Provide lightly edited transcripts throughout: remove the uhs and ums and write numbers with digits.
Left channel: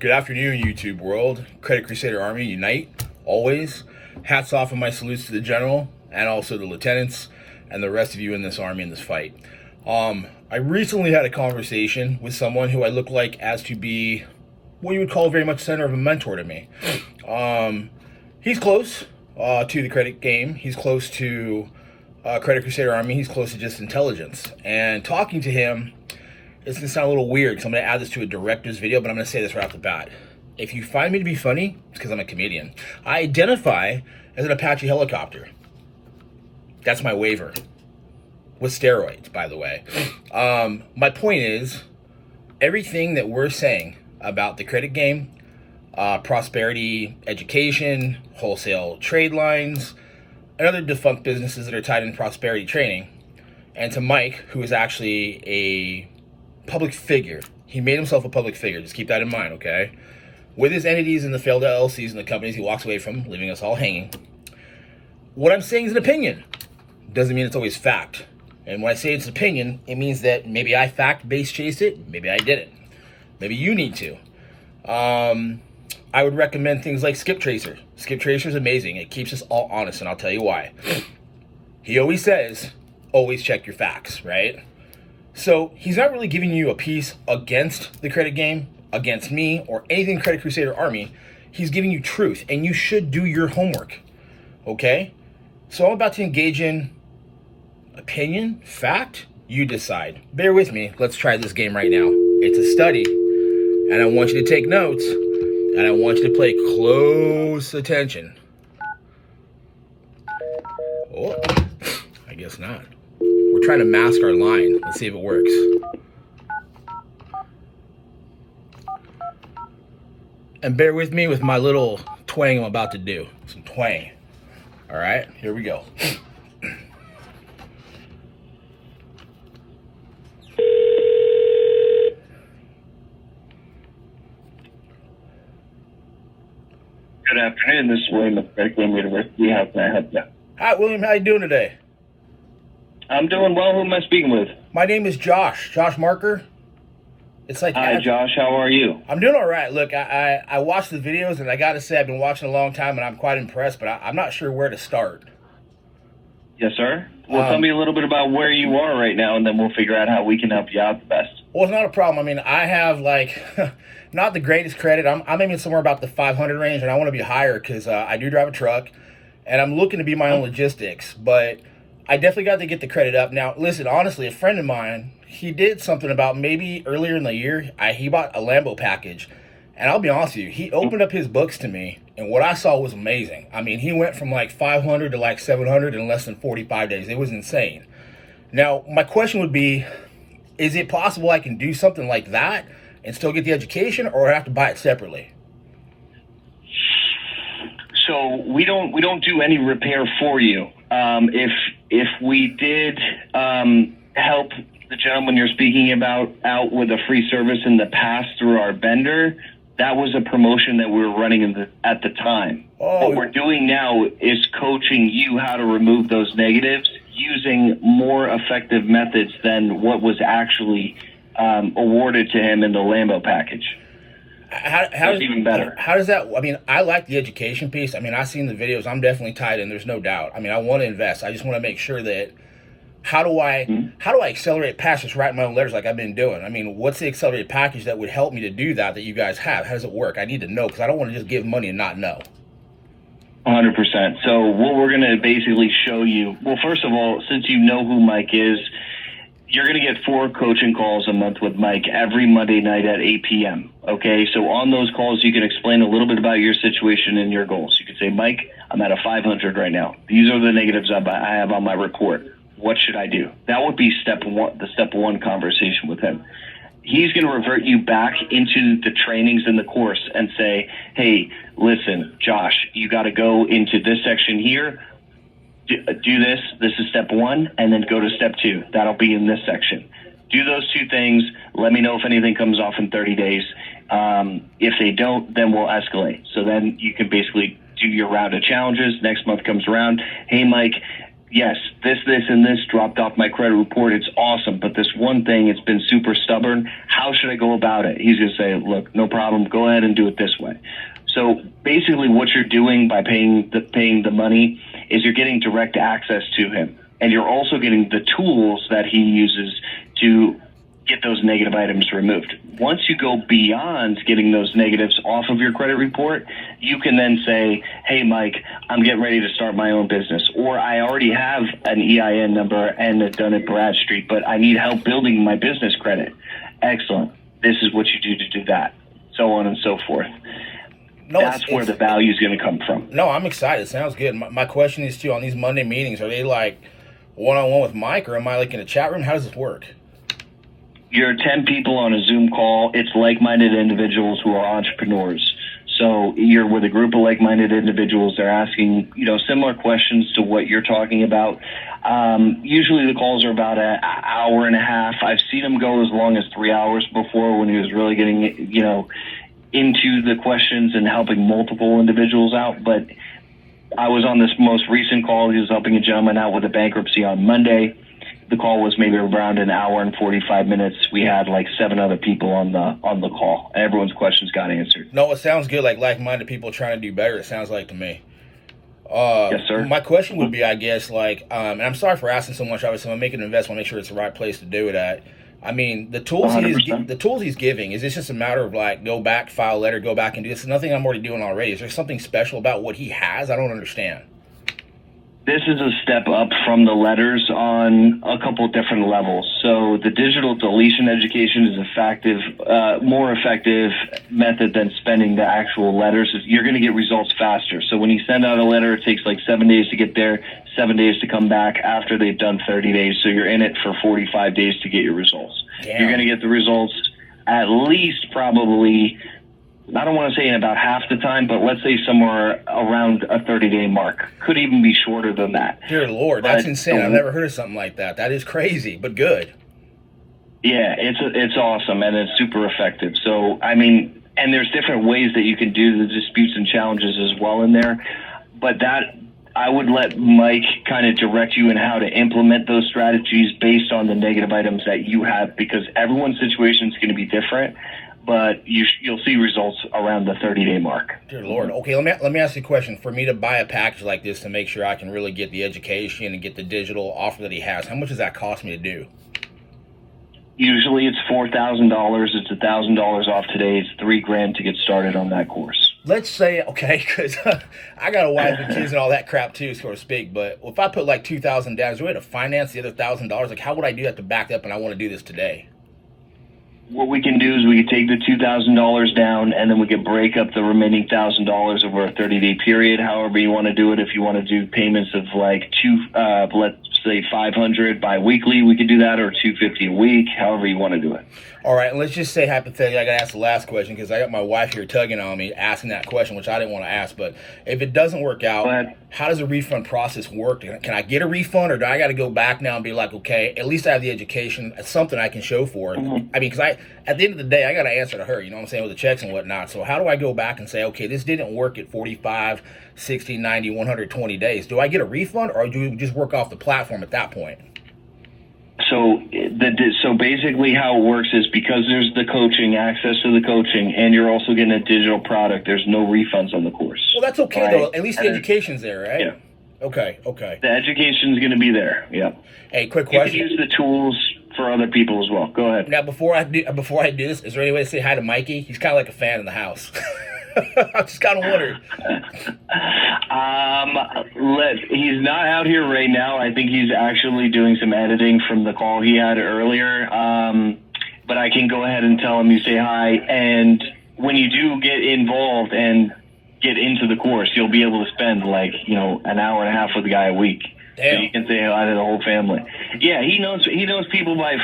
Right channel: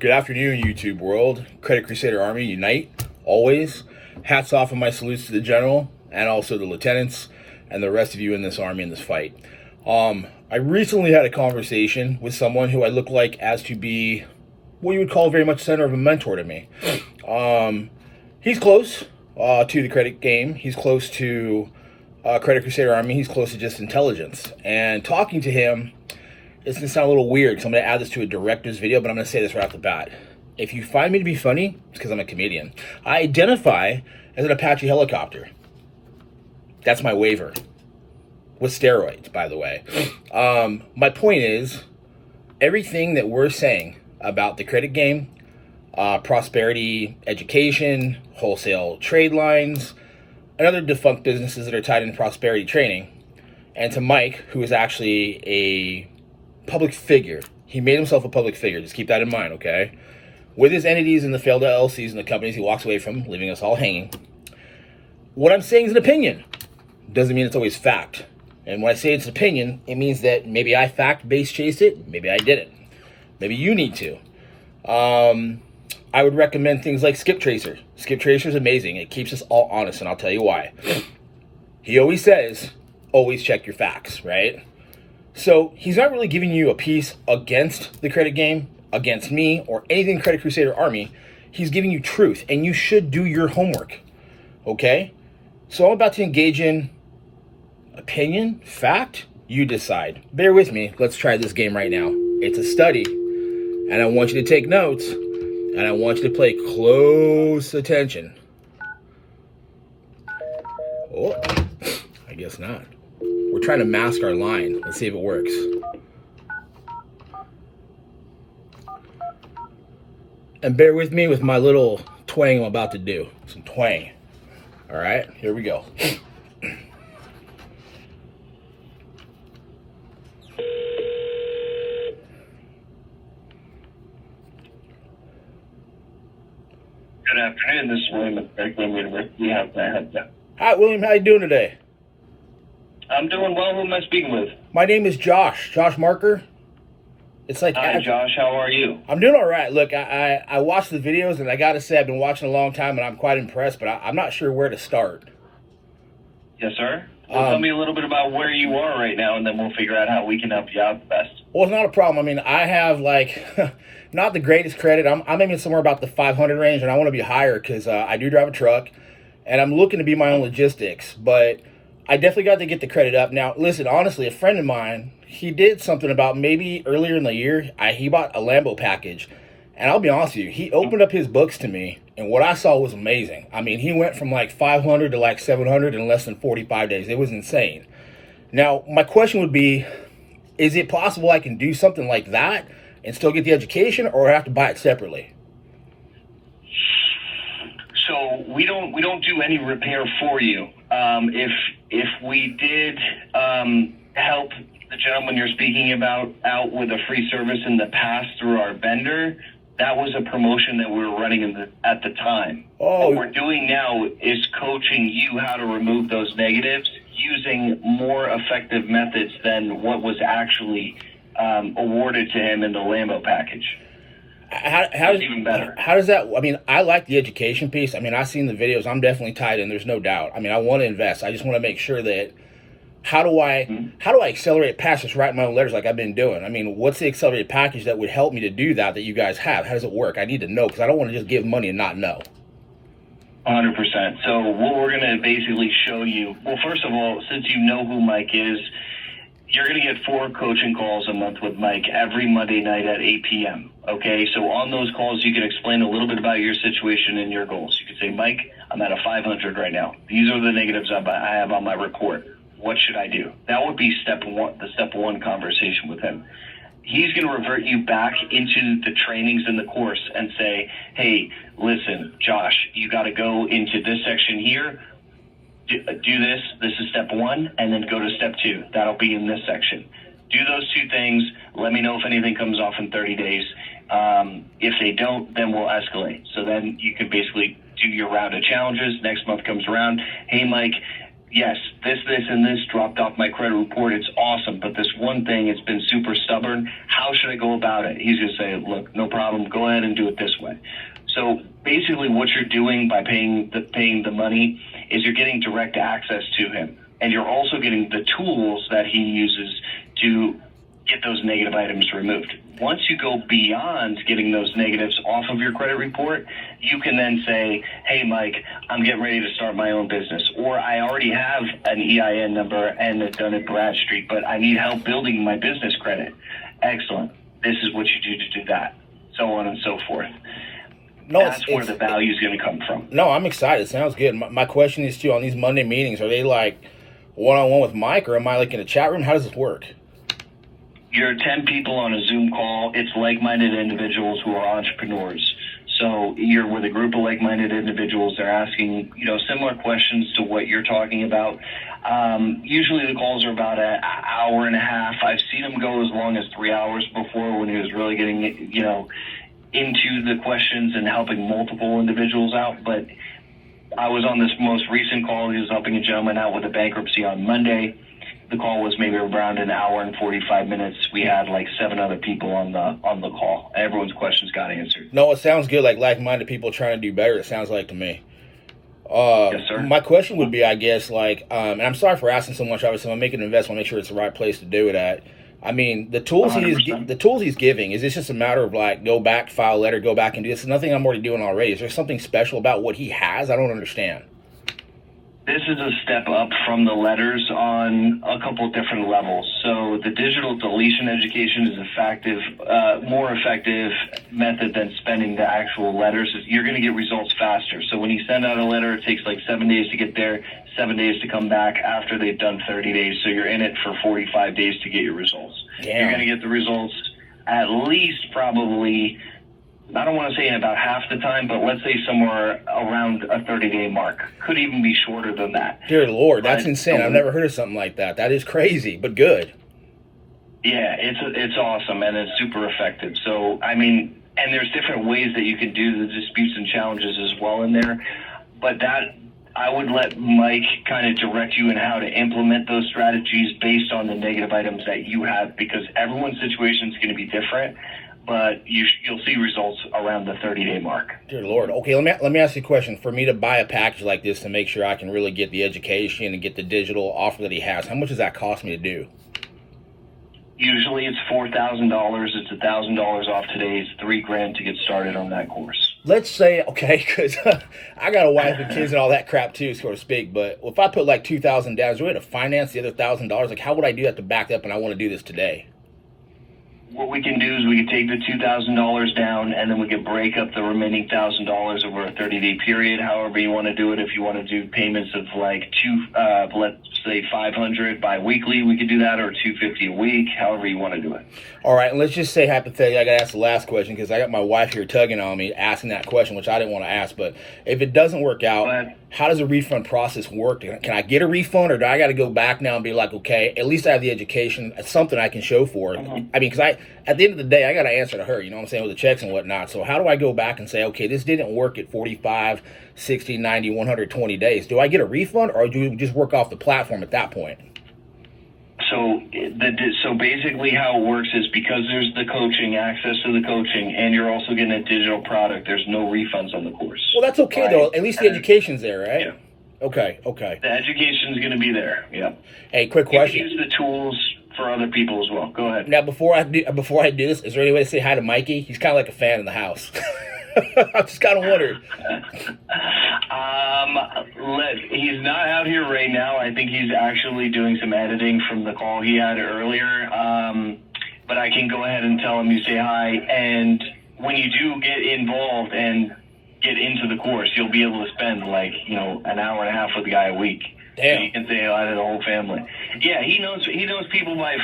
Good afternoon, YouTube world. Credit Crusader Army, unite, always. Hats off and my salutes to the general and also the lieutenants and the rest of you in this army in this fight. I recently had a conversation with someone who I look like as to be what you would call very much center of a mentor to me. He's close to the credit game. He's close to Credit Crusader Army. He's close to just intelligence. And talking to him, it's going to sound a little weird because I'm going to add this to a director's video, but I'm going to say this right off the bat. If you find me to be funny, it's because I'm a comedian. I identify as an Apache Helicopter. That's my waiver. With steroids, by the way. My point is, everything that we're saying about the credit game, prosperity, education, wholesale trade lines, and other defunct businesses that are tied into prosperity training, and to Mike, who is actually a public figure. He made himself a public figure. Just keep that in mind, okay? With his entities and the failed LLCs and the companies he walks away from, leaving us all hanging. What I'm saying is an opinion. Doesn't mean it's always fact. And when I say it's an opinion, it means that maybe I fact-based chased it, maybe I didn't. Maybe you need to. I would recommend things like Skip Tracer. Skip Tracer is amazing. It keeps us all honest, and I'll tell you why. He always says, always check your facts, right? So he's not really giving you a piece against the credit game, against me, or anything Credit Crusader Army. He's giving you truth, and you should do your homework, okay? So I'm about to engage in opinion, fact, you decide. Bear with me. Let's try this game right now. It's a study, and I want you to take notes, and I want you to pay close attention. Oh, I guess not. We're trying to mask our line. Let's see if it works. And bear with me with my little twang I'm about to do. Some twang. All right, here we go. Good afternoon. This is William at Franklin University. How can I help you? Hi, William. How you doing today? I'm doing well. Who am I speaking with? My name is Josh. Josh Marker. It's like Hi, Josh. How are you? I'm doing all right. Look, I watched the videos, and I got to say I've been watching a long time, and I'm quite impressed, but I'm not sure where to start. Yes, sir. Well, tell me a little bit about where you are right now, and then we'll figure out how we can help you out the best. Well, it's not a problem. I mean, I have, like, not the greatest credit. I'm aiming somewhere about the 500 range, and I want to be higher because I do drive a truck, and I'm looking to be my own logistics, but I definitely got to get the credit up. Now, listen, honestly, a friend of mine, he did something about maybe earlier in the year. He bought a Lambo package, and I'll be honest with you, he opened up his books to me, and what I saw was amazing. I mean, he went from like 500 to like 700 in less than 45 days. It was insane. Now, my question would be, is it possible I can do something like that and still get the education, or I have to buy it separately? So we don't do any repair for you. If we did help the gentleman you're speaking about out with a free service in the past through our vendor, that was a promotion that we were running at the time. Oh. What we're doing now is coaching you how to remove those negatives using more effective methods than what was actually awarded to him in the Lambo package. Even better. How does that, I mean, I like the education piece. I mean, I've seen the videos. I'm definitely tied in. There's no doubt. I mean, I want to invest. I just want to make sure that how do I accelerate past just writing my own letters like I've been doing? I mean, what's the accelerated package that would help me to do that you guys have? How does it work? I need to know because I don't want to just give money and not know. 100%. So what we're going to basically show you, well, first of all, since you know who Mike is, you're going to get 4 coaching calls a month with Mike every Monday night at 8 p.m. Okay, so on those calls, you can explain a little bit about your situation and your goals. You can say, Mike, I'm at a 500 right now. These are the negatives I have on my report. What should I do? That would be the step one conversation with him. He's going to revert you back into the trainings in the course and say, hey, listen, Josh, you got to go into this section here. Do this. This is step 1, and then go to step 2. That'll be in this section. Do those 2 things. Let me know if anything comes off in 30 days. If they don't, then we'll escalate. So then you can basically do your round of challenges. Next month comes around. Hey, Mike, yes, this, and this dropped off my credit report. It's awesome. But this one thing, it's been super stubborn. How should I go about it? He's going to say, look, no problem. Go ahead and do it this way. So basically what you're doing by paying the money is you're getting direct access to him. And you're also getting the tools that he uses to get those negative items removed. Once you go beyond getting those negatives off of your credit report, you can then say, hey, Mike, I'm getting ready to start my own business. Or I already have an EIN number and a Dun & Bradstreet, but I need help building my business credit. Excellent. This is what you do to do that. So on and so forth. No, that's where the value is going to come from. No, I'm excited. Sounds good. My question is, too, on these Monday meetings, are they like one-on-one with Mike, or am I like in a chat room? How does this work? You're 10 people on a Zoom call. It's like-minded individuals who are entrepreneurs. So you're with a group of like-minded individuals. They're asking, similar questions to what you're talking about. Usually the calls are about an hour and a half. I've seen them go as long as 3 hours before, when he was really getting, into the questions and helping multiple individuals out. But I was on this most recent call. He was helping a gentleman out with a bankruptcy on Monday. The call was maybe around an hour and 45 minutes. We had like 7 other people on the call. Everyone's questions got answered. No, it sounds good. Like-minded people trying to do better. It sounds like to me. Yes, sir. My question would be, I guess, and I'm sorry for asking so much. Obviously, I'm making an investment. Make sure it's the right place to do it at. I mean, the tools he's giving, is this just a matter of go back, file a letter, go back and do this? Nothing I'm already doing already. Is there something special about what he has? I don't understand. This is a step up from the letters on a couple of different levels. So the digital deletion education is more effective method than spending the actual letters. You're going to get results faster. So when you send out a letter, it takes like 7 days to get there, 7 days to come back after they've done 30 days. So you're in it for 45 days to get your results. Damn. You're going to get the results at least probably, I don't want to say in about half the time, but let's say somewhere around a 30-day mark. Could even be shorter than that. Dear Lord, that's insane. I've never heard of something like that. That is crazy, but good. Yeah, it's awesome, and it's super effective. So, I mean, and there's different ways that you can do the disputes and challenges as well in there. But that, I would let Mike kind of direct you in how to implement those strategies based on the negative items that you have, because everyone's situation is going to be different. But you'll see results around the 30-day mark. Dear Lord. Okay, let me ask you a question. For me to buy a package like this to make sure I can really get the education and get the digital offer that he has, how much does that cost me to do? Usually it's $4,000. It's $1,000 off today. It's $3,000 to get started on that course. Let's say, okay, because I got a wife and kids and all that crap too, so to speak. But if I put like $2,000 down, is there a way to finance the other $1,000? Like, how would I do that to back up and I want to do this today? What we can do is we can take the $2,000 down, and then we can break up the remaining $1,000 over a 30-day period. However you want to do it. If you want to do payments of like let's say $500 bi-weekly, we could do that, or $250 a week. However you want to do it. All right, and let's just say hypothetically, I got to ask the last question because I got my wife here tugging on me, asking that question, which I didn't want to ask. But if it doesn't work out, how does the refund process work? Can I get a refund, or do I got to go back now and be like, okay, at least I have the education, something I can show for it? Mm-hmm. I mean, because at the end of the day, I got to answer to her, you know what I'm saying, with the checks and whatnot. So how do I go back and say, okay, this didn't work at 45, 60, 90, 120 days? Do I get a refund, or do we just work off the platform at that point? So basically how it works is, because there's the coaching, access to the coaching, and you're also getting a digital product, there's no refunds on the course. Well, that's okay, right? Though. At least the education's there, right? Yeah. Okay. The education's going to be there, yeah. Hey, quick question. You can use the tools for other people as well. Go ahead. Now, before I do this, is there any way to say hi to Mikey? He's kind of like a fan in the house. I just kind of wondered. He's not out here right now. I think he's actually doing some editing from the call he had earlier. But I can go ahead and tell him you say hi. And when you do get involved and get into the course, you'll be able to spend an hour and a half with the guy a week. Damn. So you can say hi to the whole family. Yeah, he knows people by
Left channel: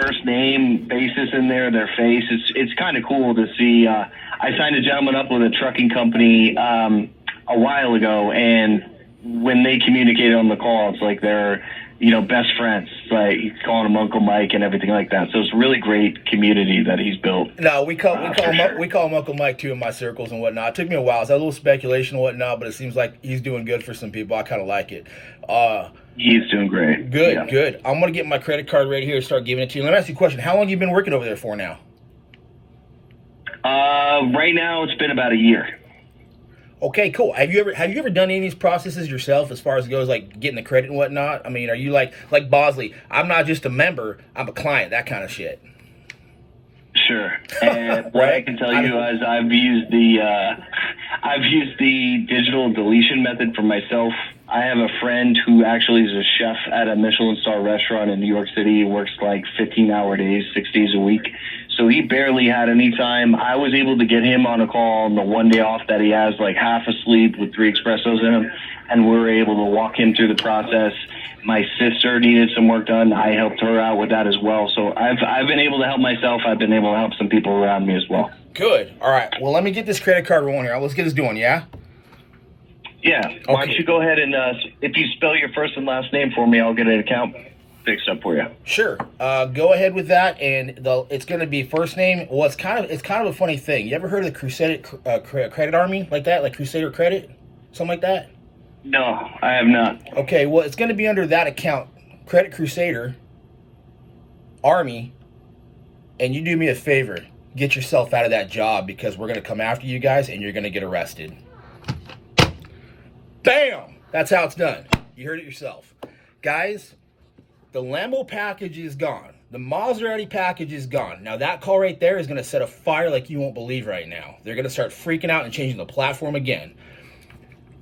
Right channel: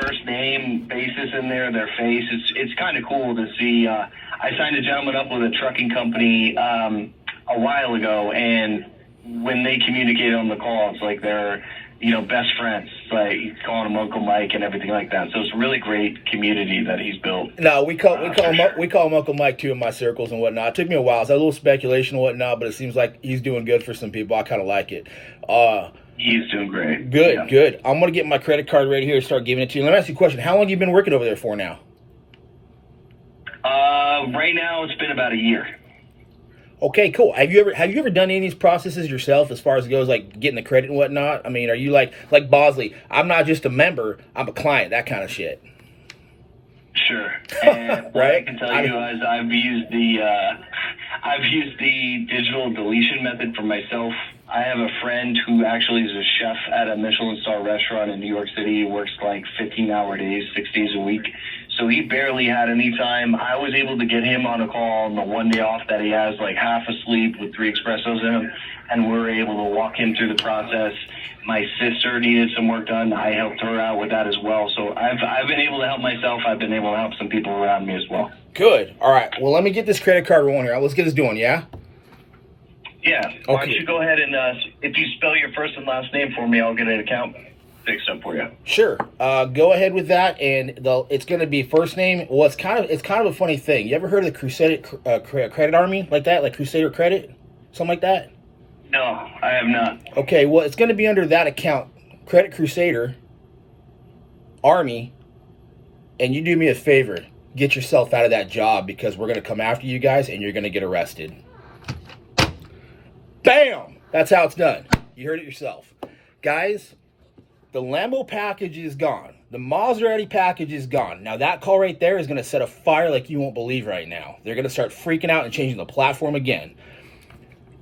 first name basis in there, their face. It's kind of cool to see. I signed a gentleman up with a trucking company a while ago, and when they communicate on the call, it's like they're best friends. Like, he's calling him Uncle Mike and everything like that. So it's a really great community that he's built. No, we call him Uncle Mike too in my circles and whatnot. It took me a while. It's a little speculation and whatnot, but it seems like he's doing good for some people. I kind of like it. He's doing great. Good, Yeah. good. I'm going to get my credit card right here and start giving it to you. Let me ask you a question. How long have you been working over there for now? Right now, it's been about a year. Okay, cool. Have you ever done any of these processes yourself as far as it goes, like getting the credit and whatnot? I mean, are you like Bosley? I'm not just a member, I'm a client, that kind of shit. Sure. And what I can tell you is I've used the digital deletion method for myself. I have a friend who actually is a chef at a Michelin star restaurant in New York City. He works like 15-hour days, 6 days a week. So he barely had any time. I was able to get him on a call on the one day off that he has, like half asleep with 3 espressos in him, and we were able to walk him through the process. My sister needed some work done. I helped her out with that as well. So I've been able to help myself. I've been able to help some people around me as well. Good. All right. Well, let me get this credit card rolling here. Let's get this doing, yeah? Yeah. Why don't you go ahead and if you spell your first and last name for me, I'll get an account fixed up for you. Sure. Go ahead with that, and it's going to be first name. Well, it's kind of a funny thing. You ever heard of the Crusader Credit Army like that, like Crusader Credit, something like that? No, I have not. Okay. Well, it's going to be under that account, Credit Crusader Army, and you do me a favor, get yourself out of that job because we're going to come after you guys, and you're going to get arrested. Bam! That's how it's done. You heard it yourself, guys. The Lambo package is gone. The Maserati package is gone. Now that call right there is going to set a fire like you won't believe right now. They're going to start freaking out and changing the platform again.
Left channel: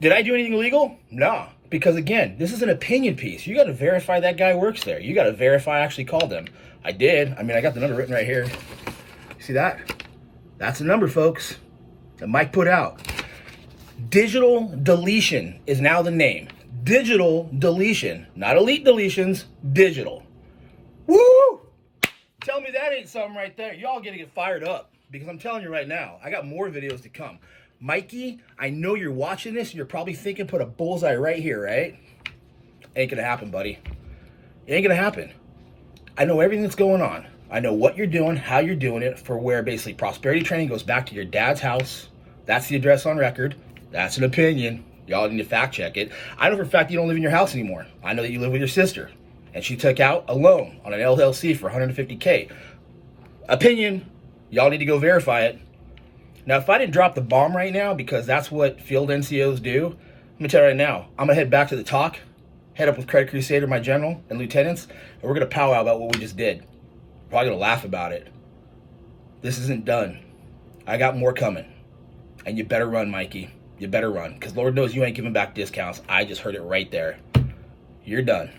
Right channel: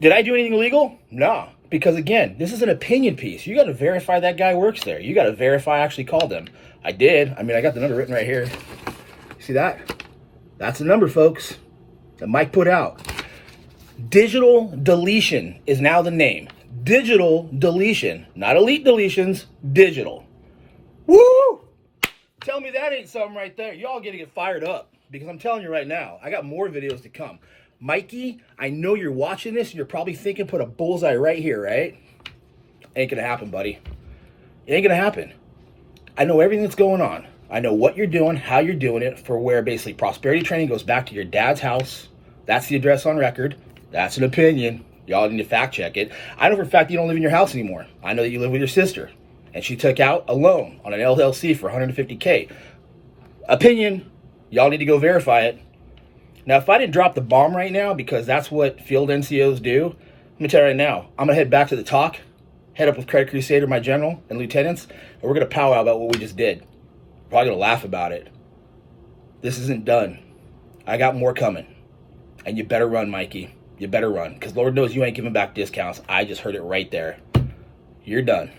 Did I do anything illegal? No. Because again, this is an opinion piece. You got to verify that guy works there. You got to verify I actually called them. I did. I mean, I got the number written right here. See that? That's the number, folks, that Mike put out. Digital deletion is now the name. Digital deletion, not elite deletions, digital. Woo! Tell me that ain't something right there. Y'all gonna get fired up because I'm telling you right now, I got more videos to come. Mikey, I know you're watching this and you're probably thinking put a bullseye right here, right? Ain't gonna happen, buddy. It ain't gonna happen. I know everything that's going on. I know what you're doing, how you're doing it, for where basically prosperity training goes back to your dad's house. That's the address on record. That's an opinion. Y'all need to fact check it. I know for a fact you don't live in your house anymore. I know that you live with your sister. And she took out a loan on an LLC for $150K. Opinion. Y'all need to go verify it. Now, if I didn't drop the bomb right now, because that's what field NCOs do, let me tell you right now, I'm going to head back to the talk, head up with Credit Crusader, my general, and lieutenants, and we're going to powwow about what we just did. We're probably going to laugh about it. This isn't done. I got more coming. And you better run, Mikey. You better run, because Lord knows you ain't giving back discounts. I just heard it right there. You're done.